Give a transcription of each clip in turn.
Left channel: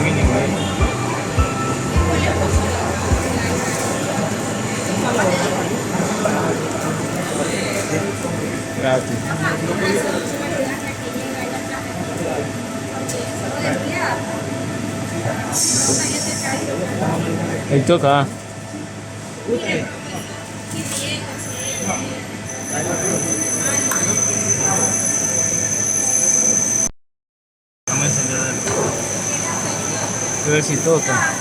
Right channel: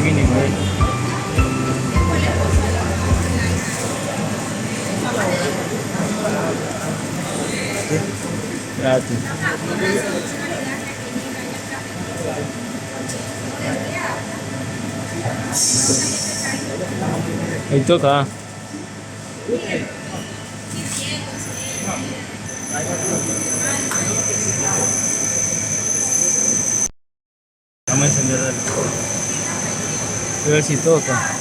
mínima. Gracias. Ahí toca. Vamos a encender. A ver si toca.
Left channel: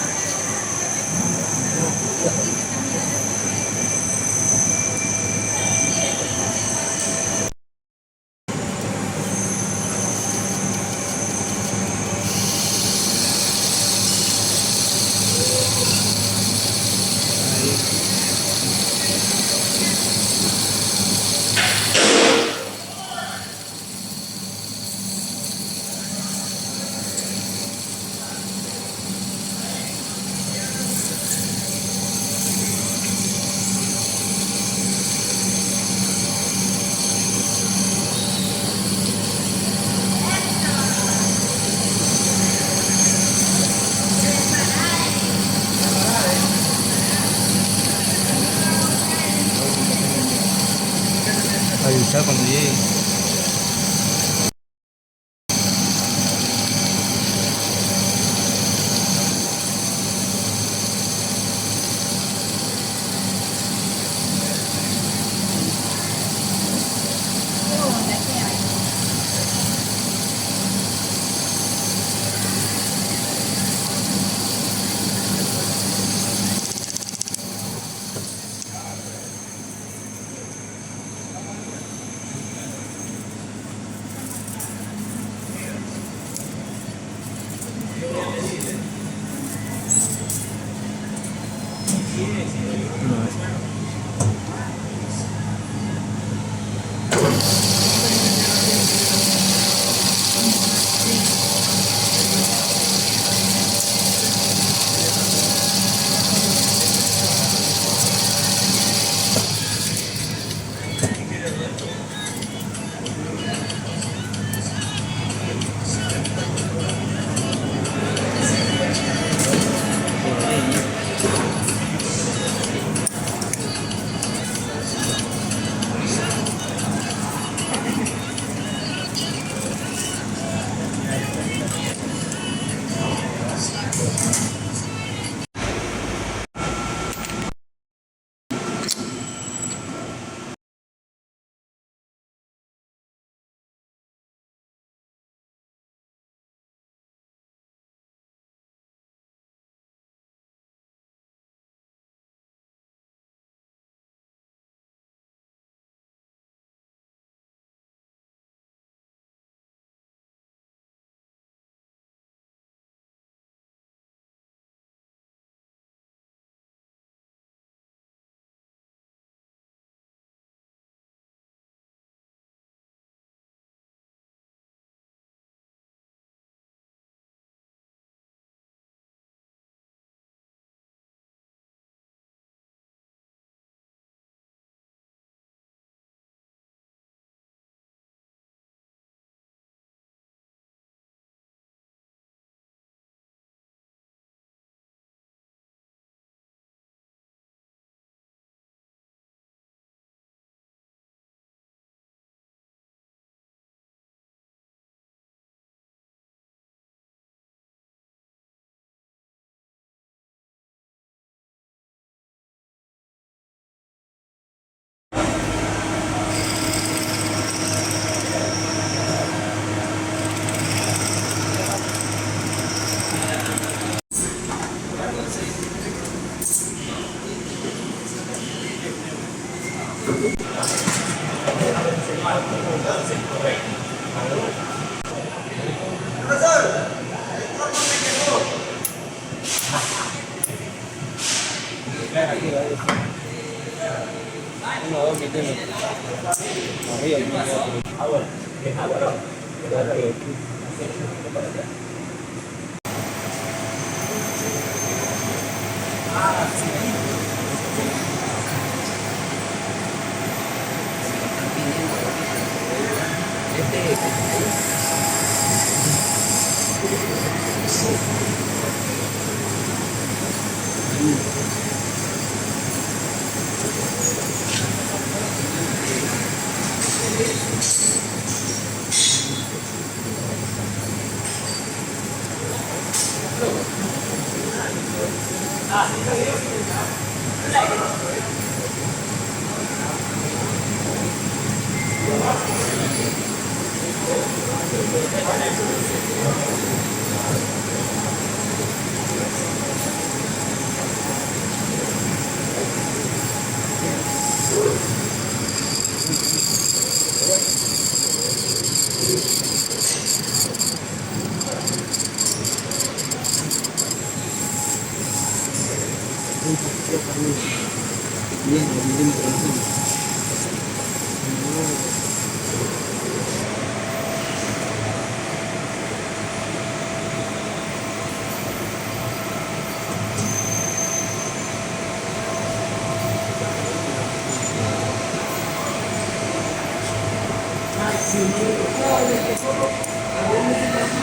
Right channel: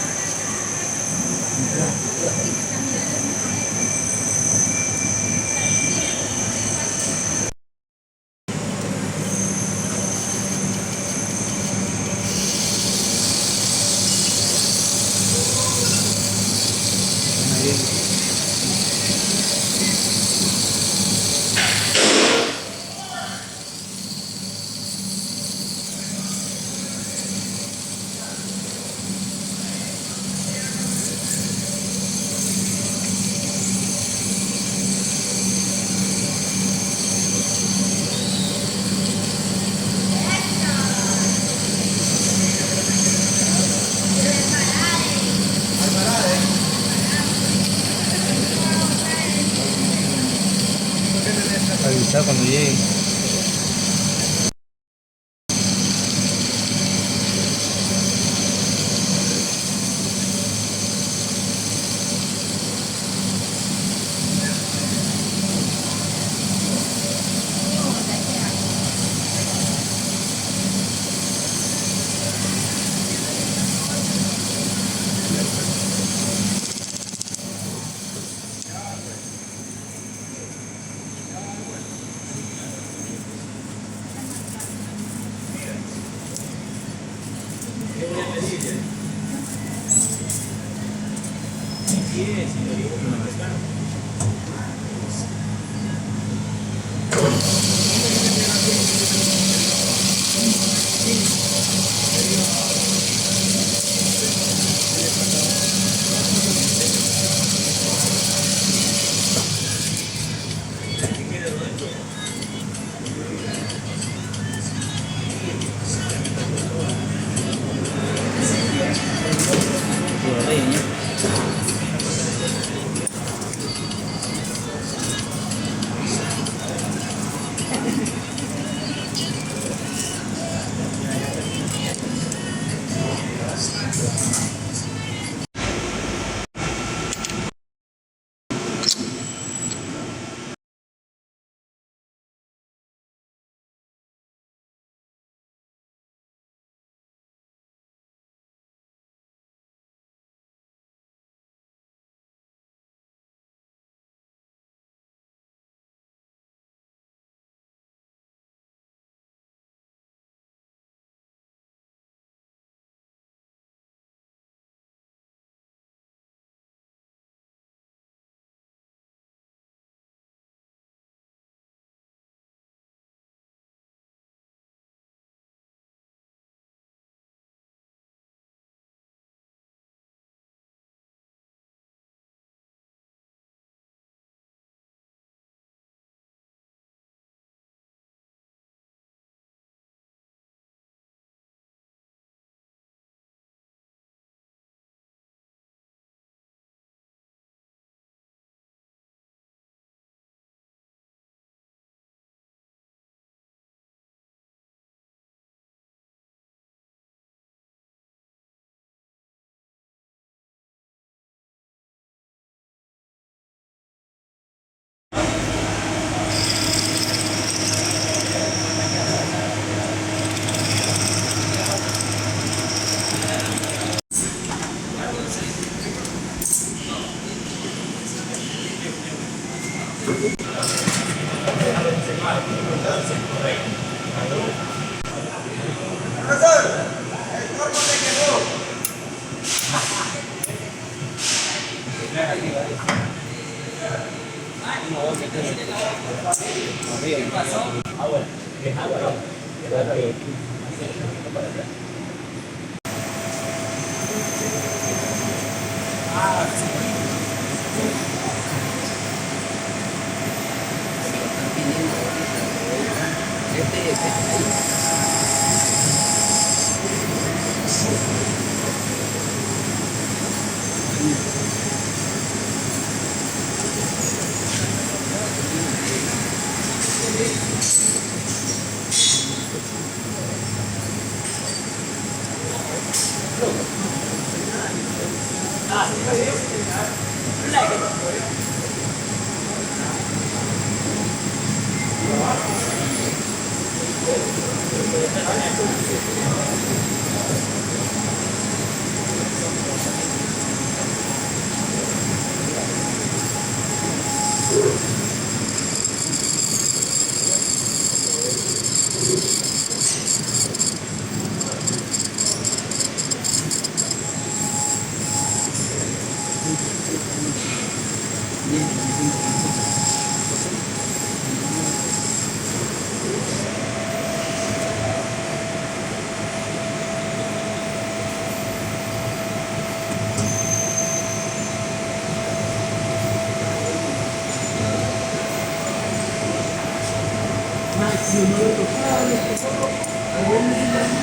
Avisar cuando llegue.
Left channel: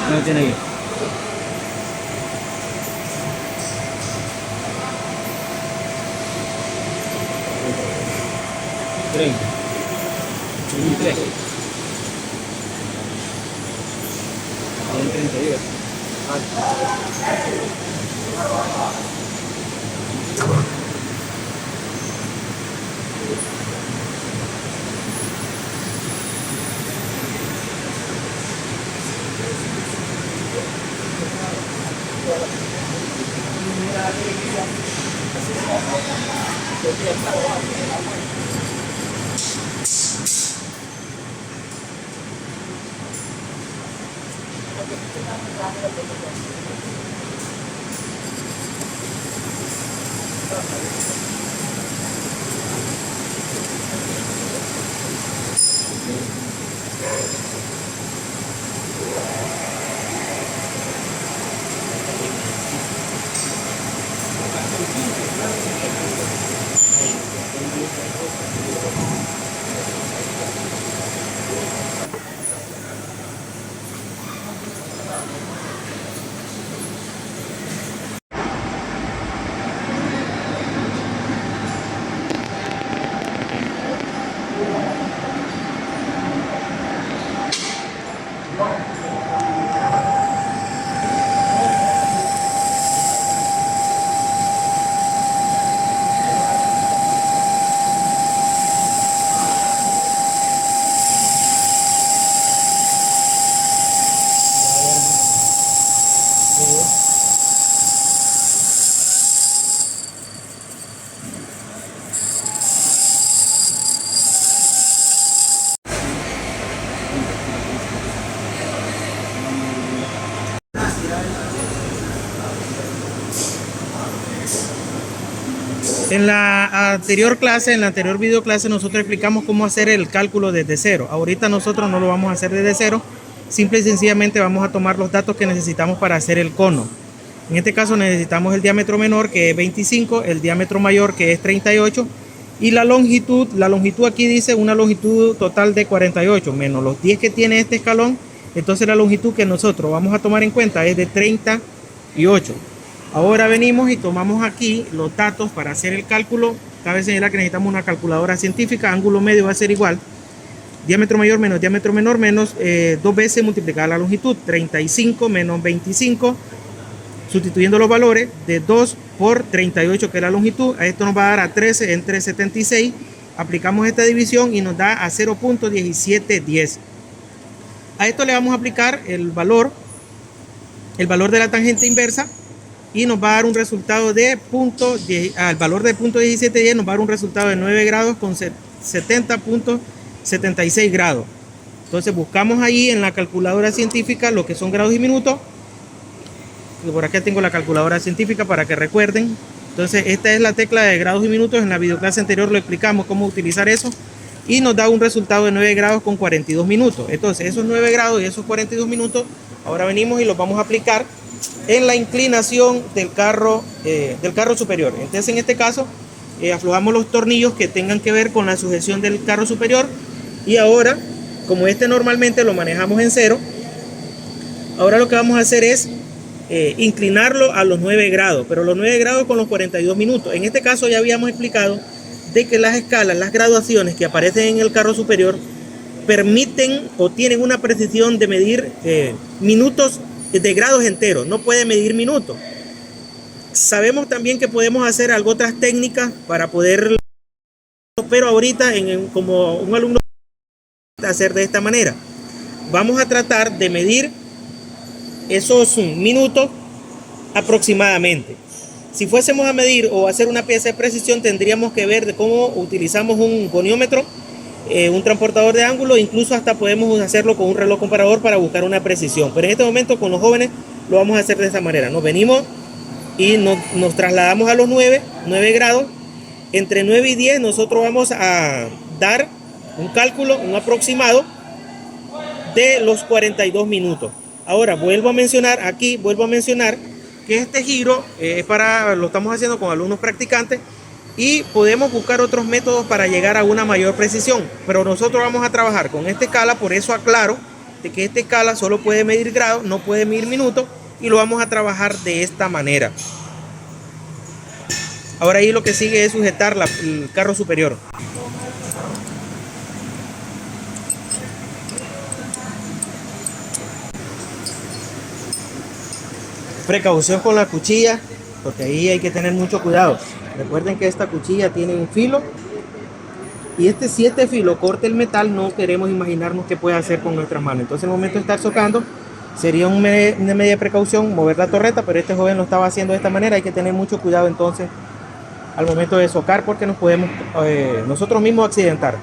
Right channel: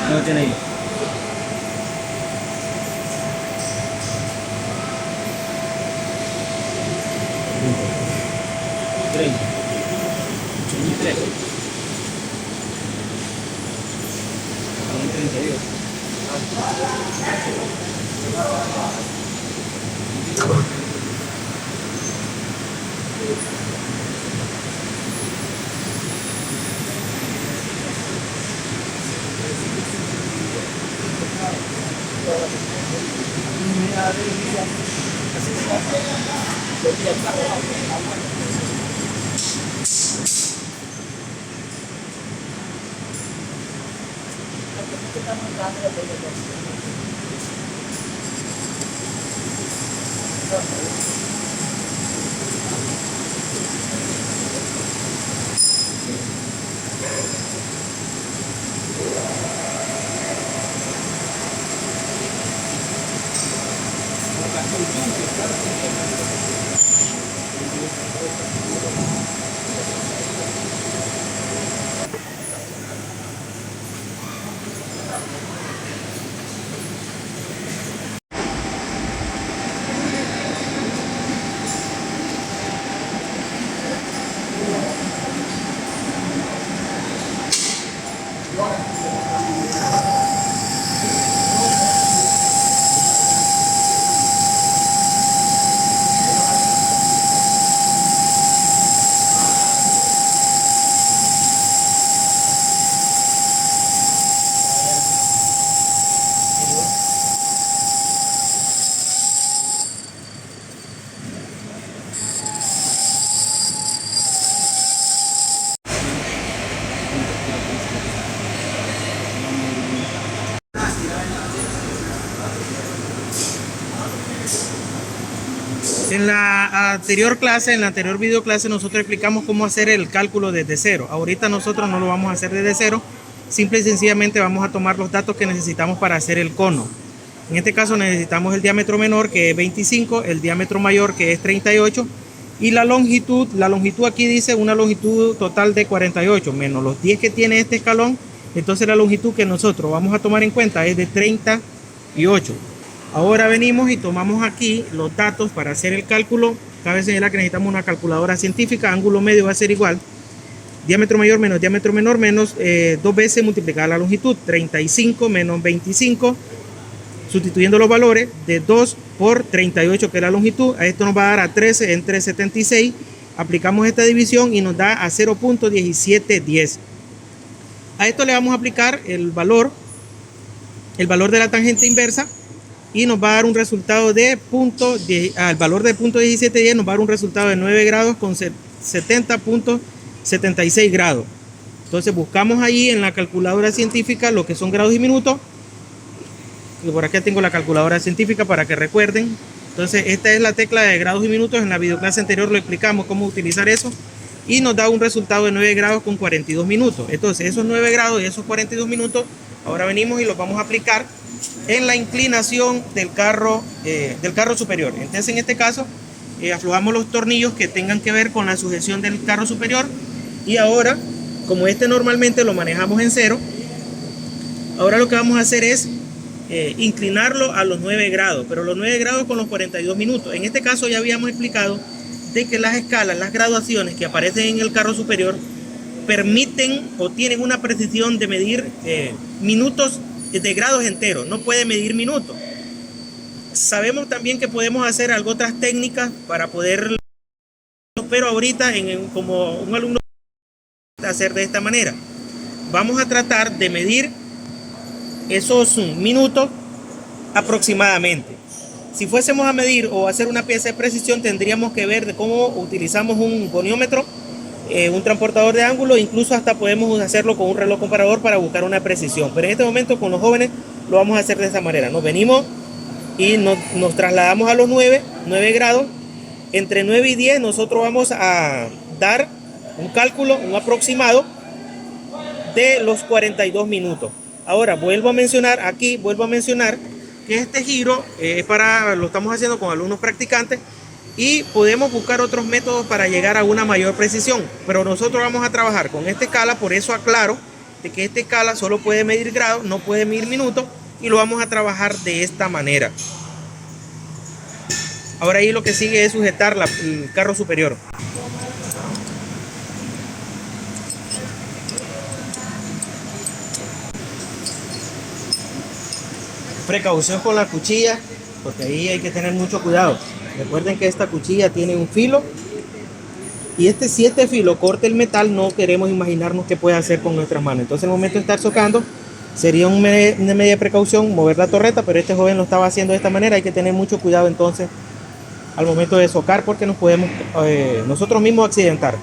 No tiene ahí. En la anterior clase, en la anterior video clase, nosotros explicamos cómo hacer el cálculo desde cero. Ahorita nosotros no lo vamos a hacer desde cero, simple y sencillamente vamos a tomar los datos que necesitamos para hacer el cono. En este caso necesitamos el diámetro menor, que es 25, el diámetro mayor, que es 38, y la longitud aquí dice una longitud total de 48, menos los 10 que tiene este escalón. Entonces la longitud que nosotros vamos a tomar en cuenta es de 38. Ahora venimos y tomamos aquí los datos para hacer el cálculo. Cabe señalar que necesitamos una calculadora científica. Ángulo medio va a ser igual diámetro mayor menos diámetro menor menos 2 veces multiplicar la longitud. 35 menos 25, sustituyendo los valores de 2 por 38, que es la longitud. A esto nos va a dar a 13 entre 76. Aplicamos esta división y nos da a 0.1710. A esto le vamos a aplicar el valor de la tangente inversa, y nos va a dar un resultado de al valor de 0.1710 nos va a dar un resultado de 9 grados con 70.76 grados. Entonces buscamos ahí en la calculadora científica lo que son grados y minutos. Por acá tengo la calculadora científica para que recuerden. Entonces esta es la tecla de grados y minutos. En la videoclase anterior lo explicamos cómo utilizar eso, y nos da un resultado de 9 grados con 42 minutos. Entonces esos 9 grados y esos 42 minutos ahora venimos y los vamos a aplicar en la inclinación del carro superior. Entonces en este caso aflojamos los tornillos que tengan que ver con la sujeción del carro superior, y ahora, como este normalmente lo manejamos en cero, ahora lo que vamos a hacer es inclinarlo a los 9 grados, pero los 9 grados con los 42 minutos. En este caso ya habíamos explicado de que las escalas, las graduaciones que aparecen en el carro superior permiten o tienen una precisión de medir minutos de grados enteros, no puede medir minutos. Sabemos también que podemos hacer algo otras técnicas para poder, pero ahorita como un alumno hacer de esta manera, vamos a tratar de medir esos minutos aproximadamente. Si fuésemos a medir o hacer una pieza de precisión, tendríamos que ver de cómo utilizamos un goniómetro, un transportador de ángulo, incluso hasta podemos hacerlo con un reloj comparador para buscar una precisión. Pero en este momento con los jóvenes lo vamos a hacer de esta manera. Nos venimos y nos trasladamos a los 9 grados. Entre 9 y 10 nosotros vamos a dar un cálculo, un aproximado de los 42 minutos. Ahora vuelvo a mencionar que este giro lo estamos haciendo con alumnos practicantes, y podemos buscar otros métodos para llegar a una mayor precisión, pero nosotros vamos a trabajar con esta escala. Por eso aclaro de que esta escala solo puede medir grados, no puede medir minutos, y lo vamos a trabajar de esta manera. Ahora ahí lo que sigue es sujetar el carro superior. Precaución con la cuchilla, porque ahí hay que tener mucho cuidado. Recuerden que esta cuchilla tiene un filo, y si este filo corta el metal, no queremos imaginarnos qué puede hacer con nuestras manos. Entonces, al momento de estar socando, sería una medida de precaución mover la torreta, pero este joven lo estaba haciendo de esta manera. Hay que tener mucho cuidado entonces al momento de socar, porque nos podemos nosotros mismos accidentar.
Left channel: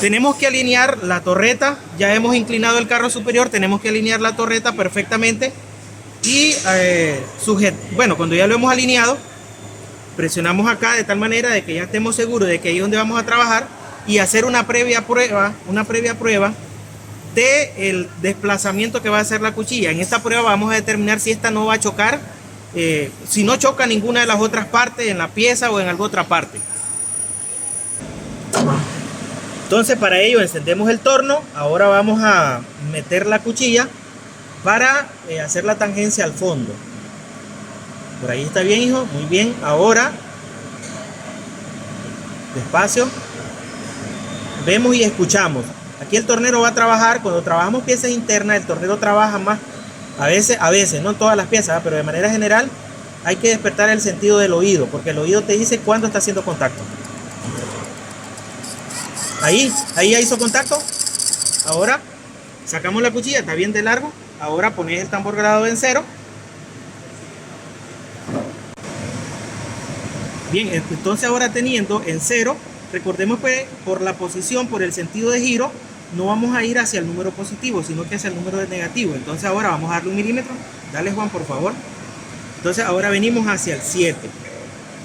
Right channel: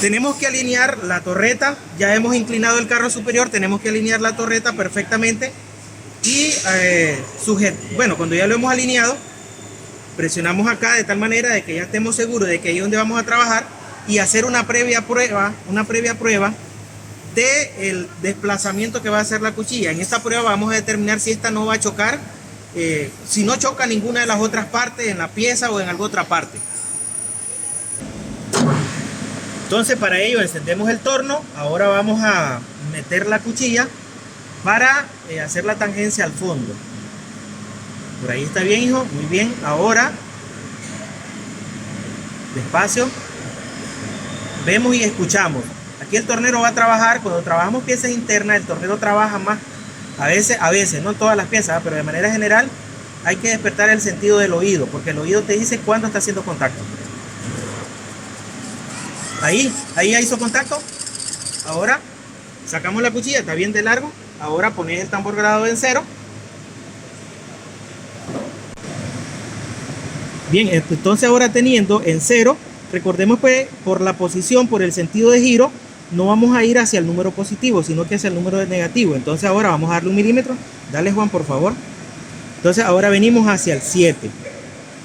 Tenemos que alinear la torreta. Ya hemos inclinado el carro superior, tenemos que alinear la torreta perfectamente. Y bueno, cuando ya lo hemos alineado, presionamos acá de tal manera de que ya estemos seguros de que ahí es donde vamos a trabajar, y hacer una previa prueba del desplazamiento que va a hacer la cuchilla. En esta prueba vamos a determinar si esta no va a chocar, si no choca ninguna de las otras partes, en la pieza o en alguna otra parte. Entonces, para ello encendemos el torno. Ahora vamos a meter la cuchilla para hacer la tangencia al fondo. Por ahí está bien, hijo, muy bien. Ahora, despacio, vemos y escuchamos. Aquí el tornero va a trabajar. Cuando trabajamos piezas internas, el tornero trabaja más. A veces, no todas las piezas, pero de manera general hay que despertar el sentido del oído, porque el oído te dice cuándo está haciendo contacto. Ahí ya hizo contacto. Ahora sacamos la cuchilla, está bien de largo. Ahora pones el tambor grado en 0. Bien, entonces ahora teniendo en 0, recordemos pues por la posición, por el sentido de giro, no vamos a ir hacia el número positivo, sino que hacia el número negativo. Entonces ahora vamos a darle 1 milímetro. Dale, Juan, por favor. Entonces ahora venimos hacia el 7.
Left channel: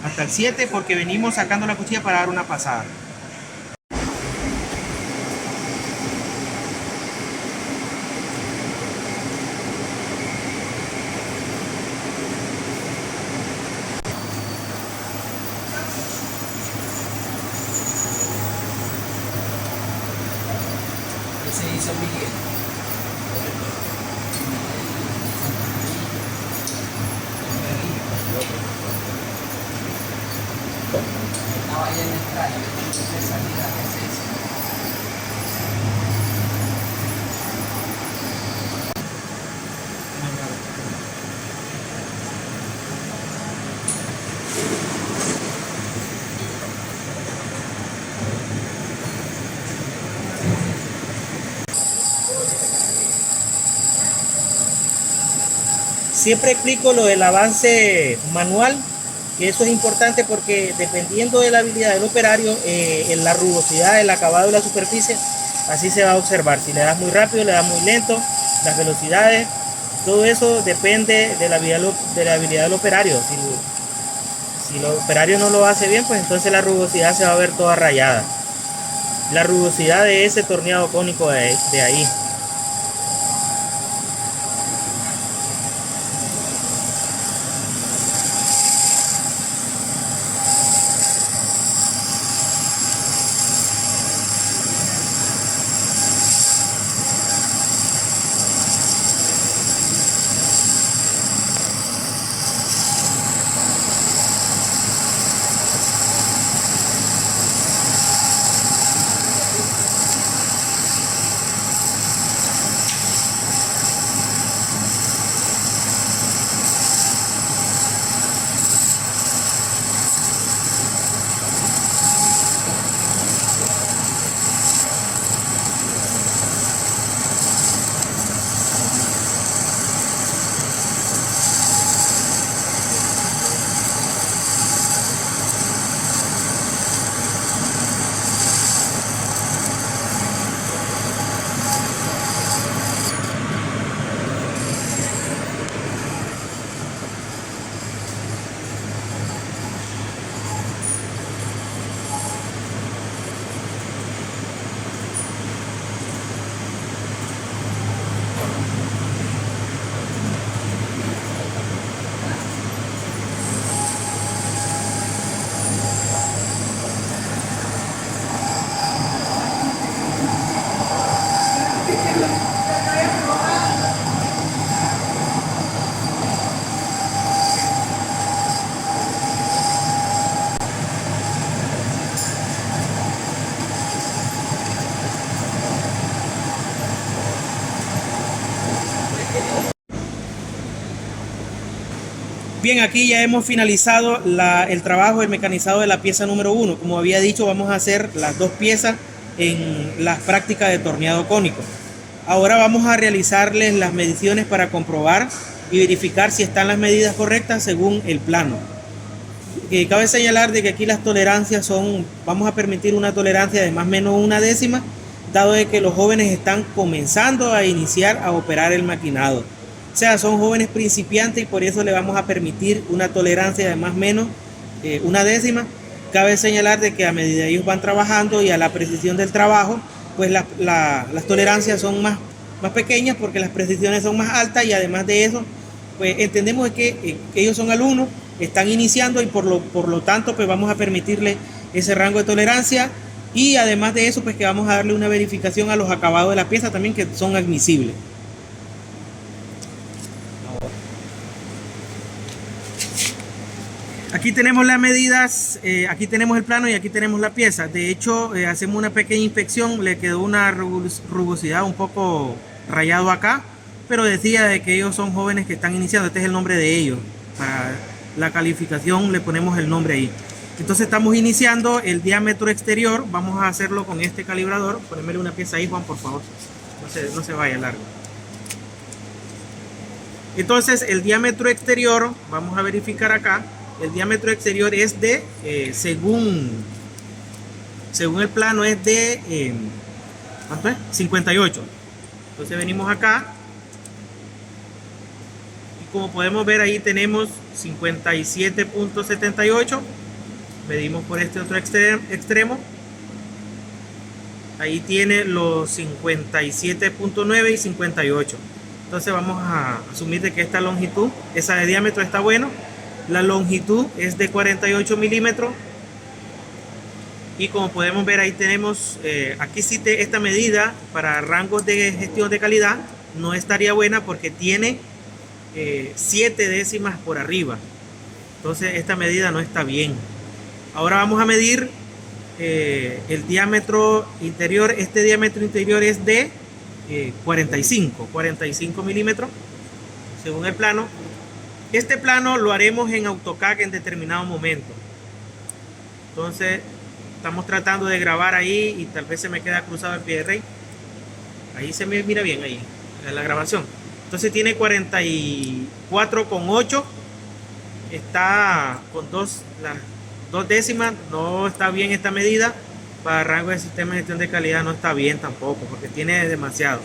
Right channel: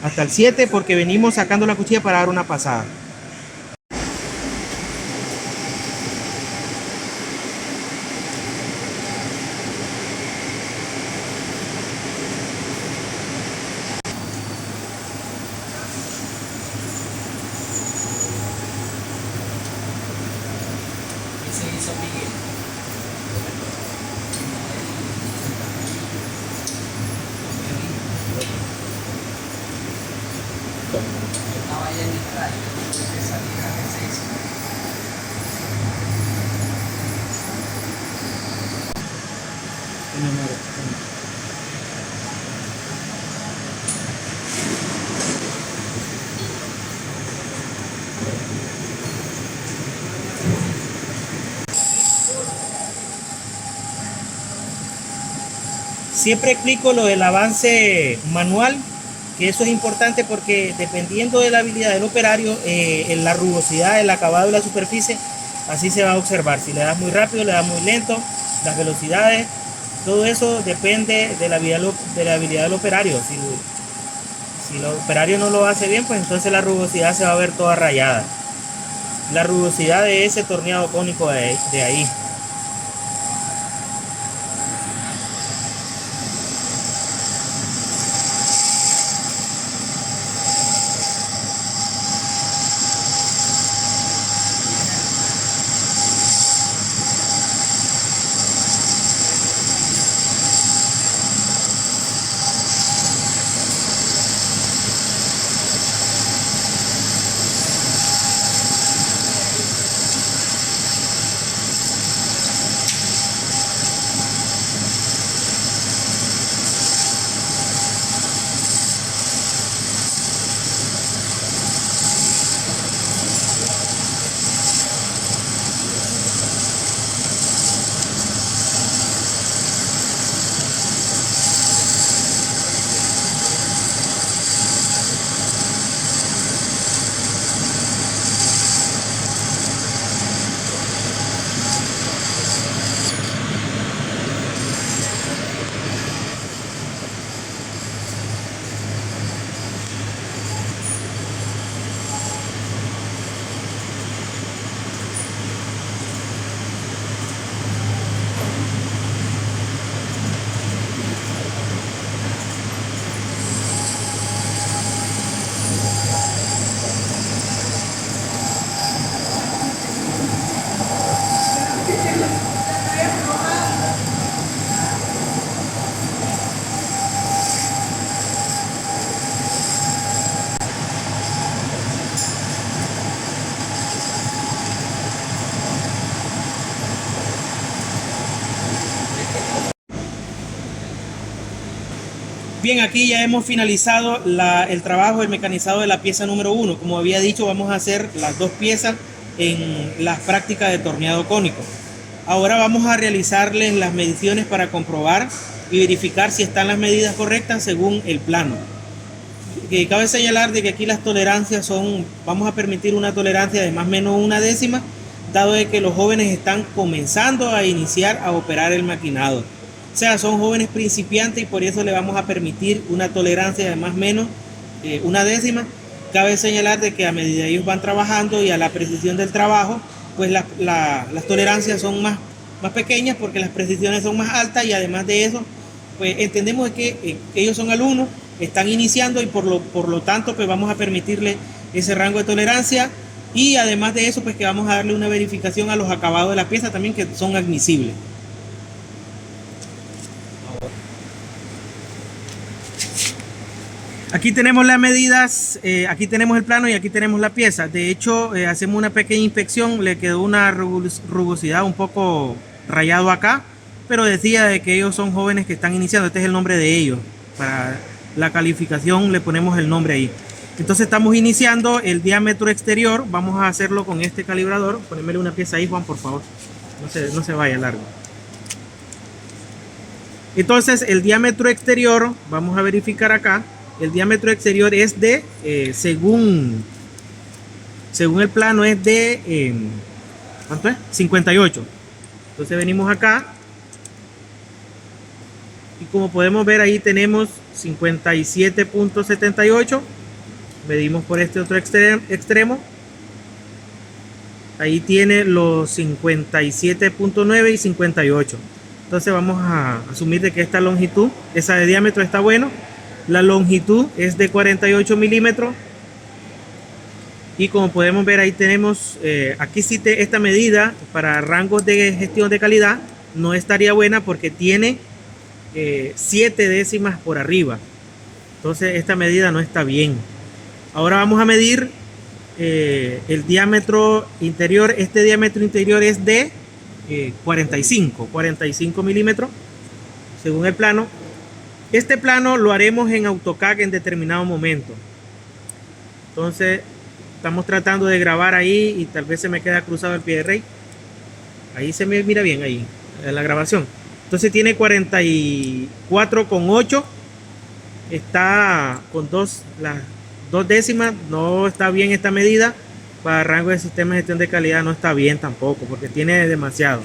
Hasta el 7, porque venimos sacando la cuchilla para dar una pasada. Siempre explico lo del avance manual, que eso es importante porque dependiendo de la habilidad del operario, en la rugosidad, el acabado de la superficie, así se va a observar. Si le das muy rápido, le das muy lento, las velocidades, todo eso depende de la habilidad del operario. Si el operario no lo hace bien, pues entonces la rugosidad se va a ver toda rayada. La rugosidad de ese torneado cónico de ahí. Bien, aquí ya hemos finalizado el trabajo, el mecanizado de la pieza número 1. Como había dicho, vamos a hacer las dos piezas en las prácticas de torneado cónico. Ahora vamos a realizarles las mediciones para comprobar y verificar si están las medidas correctas según el plano. Cabe señalar de que aquí las tolerancias son, vamos a permitir una tolerancia de más o menos 1/10, dado de que los jóvenes están comenzando a iniciar a operar el maquinado. O sea, son jóvenes principiantes y por eso le vamos a permitir una tolerancia de más o menos 1/10. Cabe señalar de que a medida que ellos van trabajando y a la precisión del trabajo, pues las tolerancias son más pequeñas porque las precisiones son más altas, y además de eso, pues entendemos que ellos son alumnos, están iniciando, y por lo tanto pues vamos a permitirle ese rango de tolerancia, y además de eso pues que vamos a darle una verificación a los acabados de la pieza también, que son admisibles. Aquí tenemos las medidas, aquí tenemos el plano y aquí tenemos la pieza. De hecho, hacemos una pequeña inspección, le quedó una rugosidad un poco rayado acá, pero decía de que ellos son jóvenes que están iniciando. Este es el nombre de ellos. Para la calificación le ponemos el nombre ahí. Entonces estamos iniciando el diámetro exterior. Vamos a hacerlo con este calibrador. Ponémele una pieza ahí, Juan, por favor. No se vaya largo. Entonces el diámetro exterior, vamos a verificar acá. El diámetro exterior es de, según el plano, es de ¿cuánto es? 58. Entonces venimos acá y como podemos ver ahí tenemos 57.78. Medimos por este otro extremo. Ahí tiene los 57.9 y 58. Entonces vamos a asumir de que esta longitud, esa de diámetro, está bueno. La longitud es de 48 milímetros. Y como podemos ver ahí tenemos, aquí sí esta medida para rangos de gestión de calidad no estaría buena porque tiene 7 décimas por arriba. Entonces esta medida no está bien. Ahora vamos a medir el diámetro interior. Este diámetro interior es de 45 milímetros según el plano. Este plano lo haremos en AutoCAD en determinado momento. Entonces estamos tratando de grabar ahí y tal vez se me queda cruzado el pie de rey. Ahí se me mira bien ahí en la grabación. Entonces tiene 44,8. Está con las 2 décimas. No está bien esta medida. Para rango de sistema de gestión de calidad no está bien tampoco, porque tiene demasiado.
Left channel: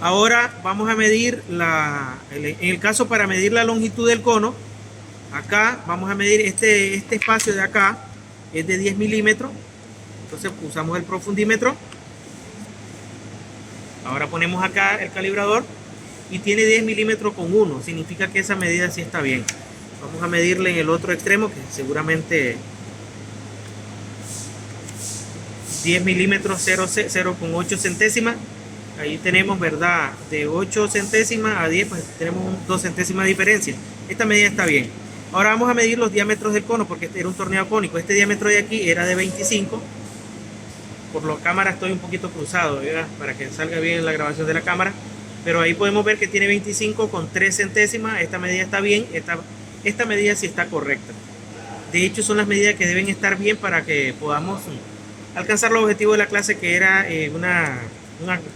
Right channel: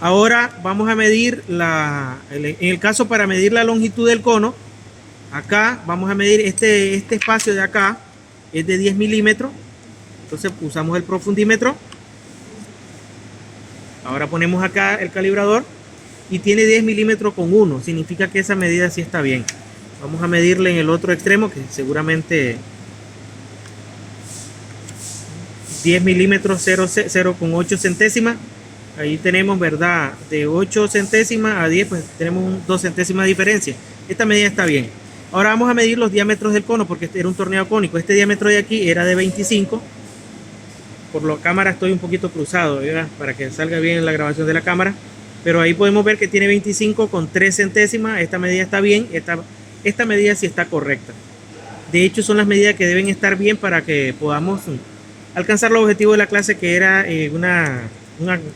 Ahora vamos a medir en el caso para medir la longitud del cono. Acá vamos a medir este espacio de acá, es de 10 milímetros. Entonces usamos el profundímetro. Ahora ponemos acá el calibrador y tiene 10 milímetros con 1. Significa que esa medida sí está bien. Vamos a medirle en el otro extremo, que seguramente 10 milímetros 0,8 centésimas. Ahí tenemos, ¿verdad? De 8 centésimas a 10, pues tenemos 2 centésimas de diferencia. Esta medida está bien. Ahora vamos a medir los diámetros del cono, porque este era un torneado cónico. Este diámetro de aquí era de 25. Por la cámara estoy un poquito cruzado, ¿verdad? Para que salga bien la grabación de la cámara. Pero ahí podemos ver que tiene 25 con 3 centésimas. Esta medida está bien. Esta medida sí está correcta. De hecho, son las medidas que deben estar bien para que podamos alcanzar los objetivos de la clase, que era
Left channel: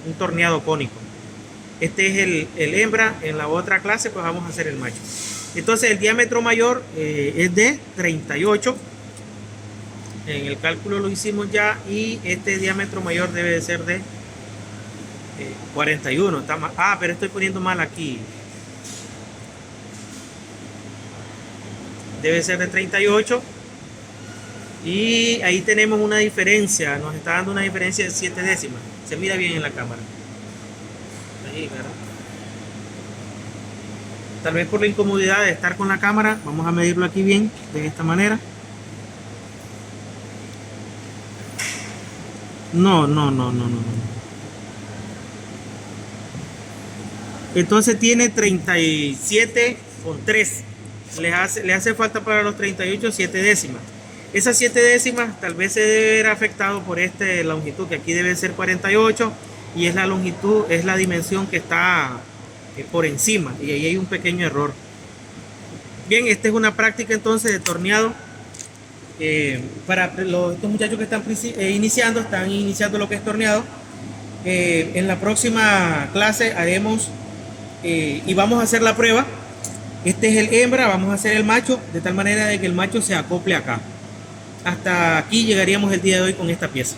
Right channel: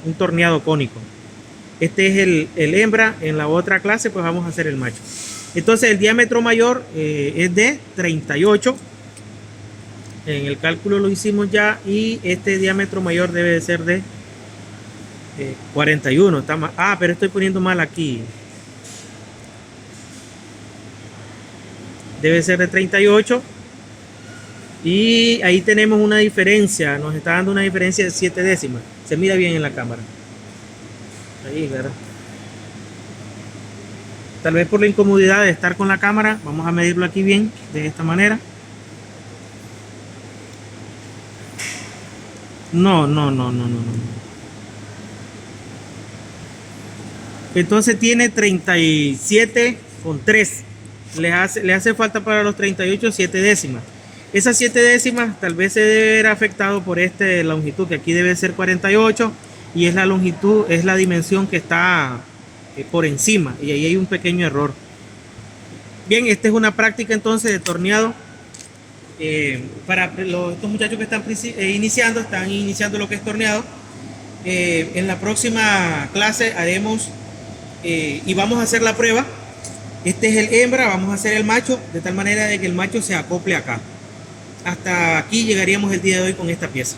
un torneado cónico. Este es el hembra. En la otra clase pues vamos a hacer el macho. Entonces el diámetro mayor es de 38. En el cálculo lo hicimos ya, y este diámetro mayor debe de ser de 41. Está mal. Pero estoy poniendo mal aquí. Debe ser de 38. Y ahí tenemos una diferencia. Nos está dando una diferencia de 7 décimas. Se mira bien en la cámara. Ahí, ¿verdad? Tal vez por la incomodidad de estar con la cámara, vamos a medirlo aquí bien, de esta manera. No. Entonces tiene 37,3. Le hace falta para los 38 7 décimas. Esas 7 décimas tal vez se debe ver afectado por esta longitud, que aquí debe ser 48, y es la longitud, es la dimensión que está por encima, y ahí hay un pequeño error. Bien, esta es una práctica entonces de torneado para estos muchachos que están están iniciando lo que es torneado. En la próxima clase haremos y vamos a hacer la prueba. Este es el hembra, vamos a hacer el macho, de tal manera de que el macho se acople acá. Hasta aquí llegaríamos el día de hoy con esta pieza.